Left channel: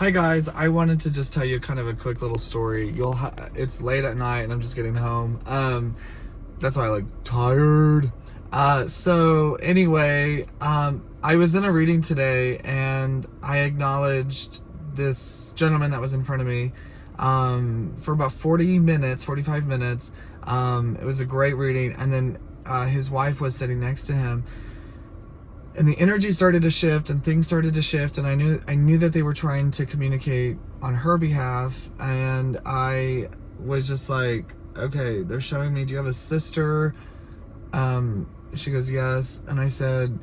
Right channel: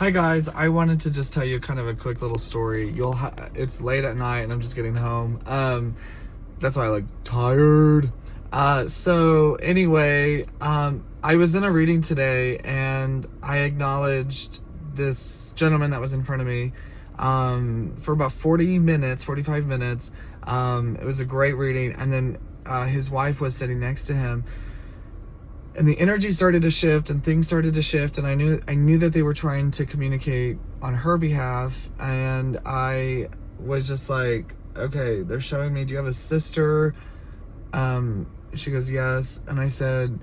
Hi guys, I wanted to just tell you kind of a quick little story. It's late at night and I'm just getting home. That's why I like tired. So anyway, I was in a reading today and I acknowledged this gentleman that was in front of me for about 45 minutes. It was a great reading, and then his wife was sitting next to him. And the energy started to shift and things started to shift, and I knew that they were trying to communicate on her behalf, and I was just like, okay, they're showing me, do you have a sister? She goes, yes. And I said,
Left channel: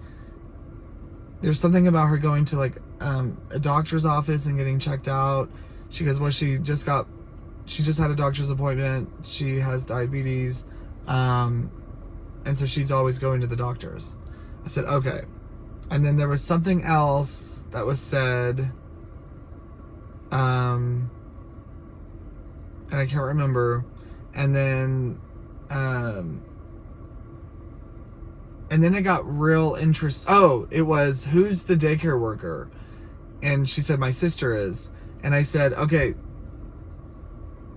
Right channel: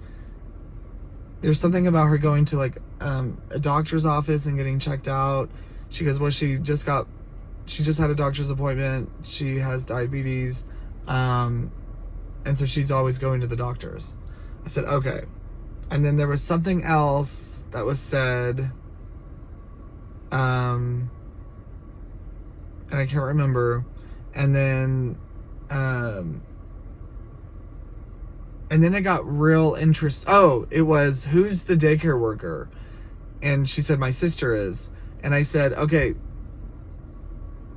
there's something about her going to like a doctor's office and getting checked out. She goes, well, she just had a doctor's appointment. She has diabetes, and so she's always going to the doctors. I said, okay. And then there was something else that was said, and I can't remember. And then it got real interest. Oh, it was, who's the daycare worker? And she said, my sister is. And I said, okay.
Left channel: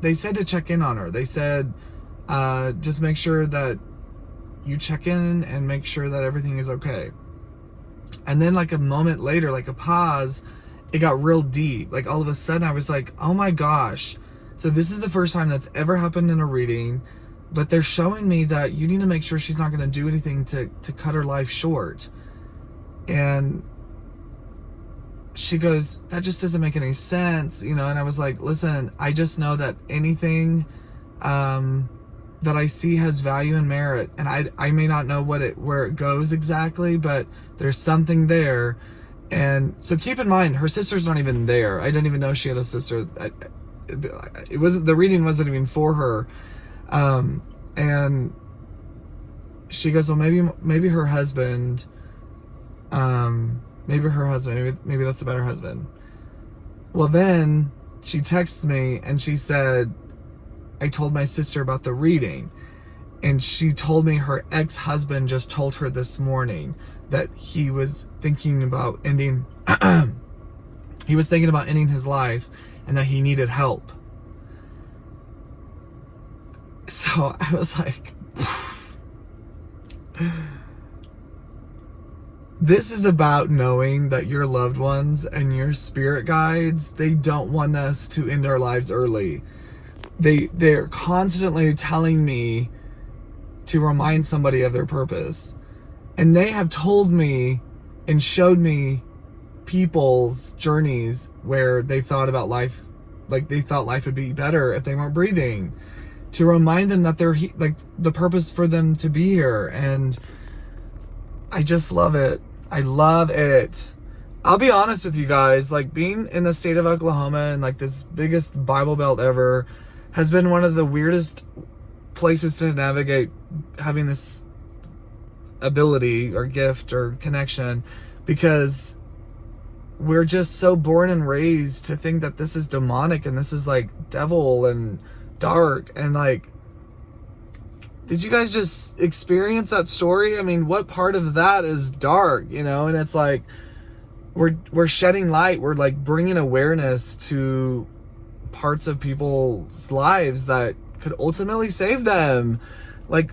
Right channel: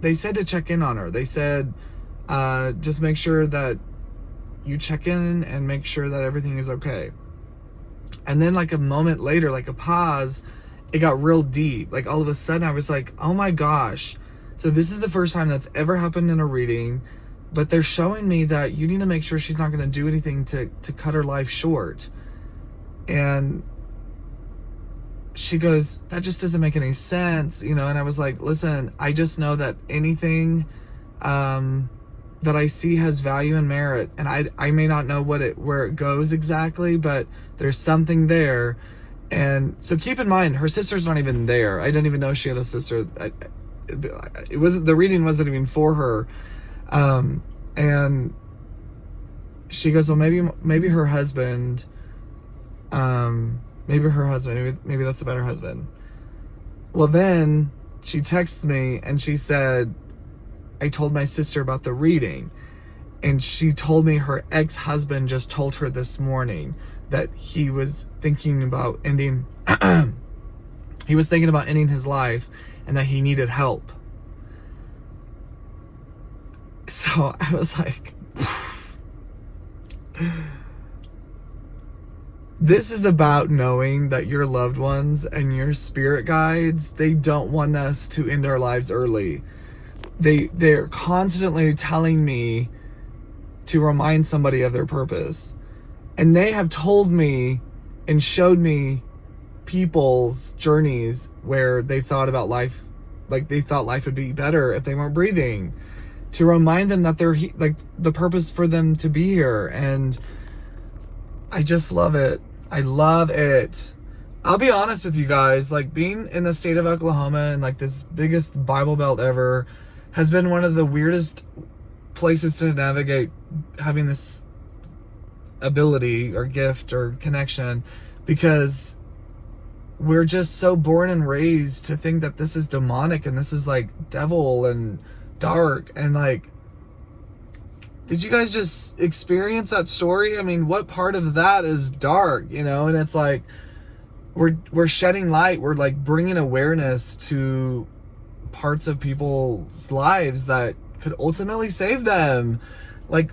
They said to check in on her. They said, just make sure that you check in and make sure that everything is okay. And then like a moment later, like a pause, it got real deep. Like all of a sudden I was like, oh my gosh. So this is the first time that's ever happened in a reading, but they're showing me that you need to make sure she's not going to do anything to cut her life short. And she goes, that just doesn't make any sense, you know? And I was like, listen, I just know that anything, that I see has value and merit, and I may not know where it goes exactly, but there's something there. And so keep in mind, her sister's not even there. I didn't even know she had a sister. The reading wasn't even for her. And she goes, well, maybe her husband, maybe that's a better husband. Well, then she texted me and she said, I told my sister about the reading, and she told me her ex-husband just told her this morning that he was thinking about ending his life and that he needed help. So I was like, this is about knowing that your loved ones and your spirit guides, they don't want us to end our lives early. They're constantly telling me to remind somebody of their purpose. And they have told me and showed me people's journeys where they thought about life, like they thought life would be better if they weren't breathing, to remind them that they're like the purpose for them to be here. And I just love it. I love it. I'll be honest with you guys, like being in the state of Oklahoma and like this biggest Bible Belt ever has been one of the weirdest places to navigate, having this ability or gift or connection, because we're just so born and raised to think that this is demonic and this is like devil and dark. And like, did you guys just experience that story? I mean, what part of that is dark, you know? And it's like, we're shedding light. We're like bringing awareness to parts of people's lives that could ultimately save them. Like,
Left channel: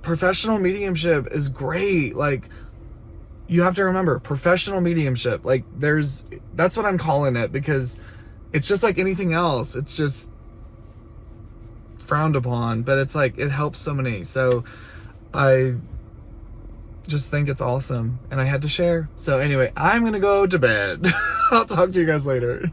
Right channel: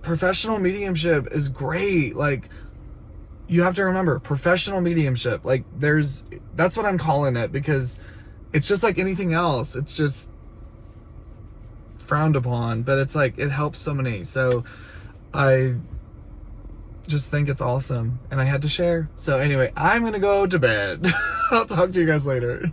professional mediumship is great. Like, you have to remember, professional mediumship, like that's what I'm calling it, because it's just like anything else. It's just frowned upon, but it's like, it helps so many. So I just think it's awesome, and I had to share. So anyway, I'm gonna go to bed. I'll talk to you guys later.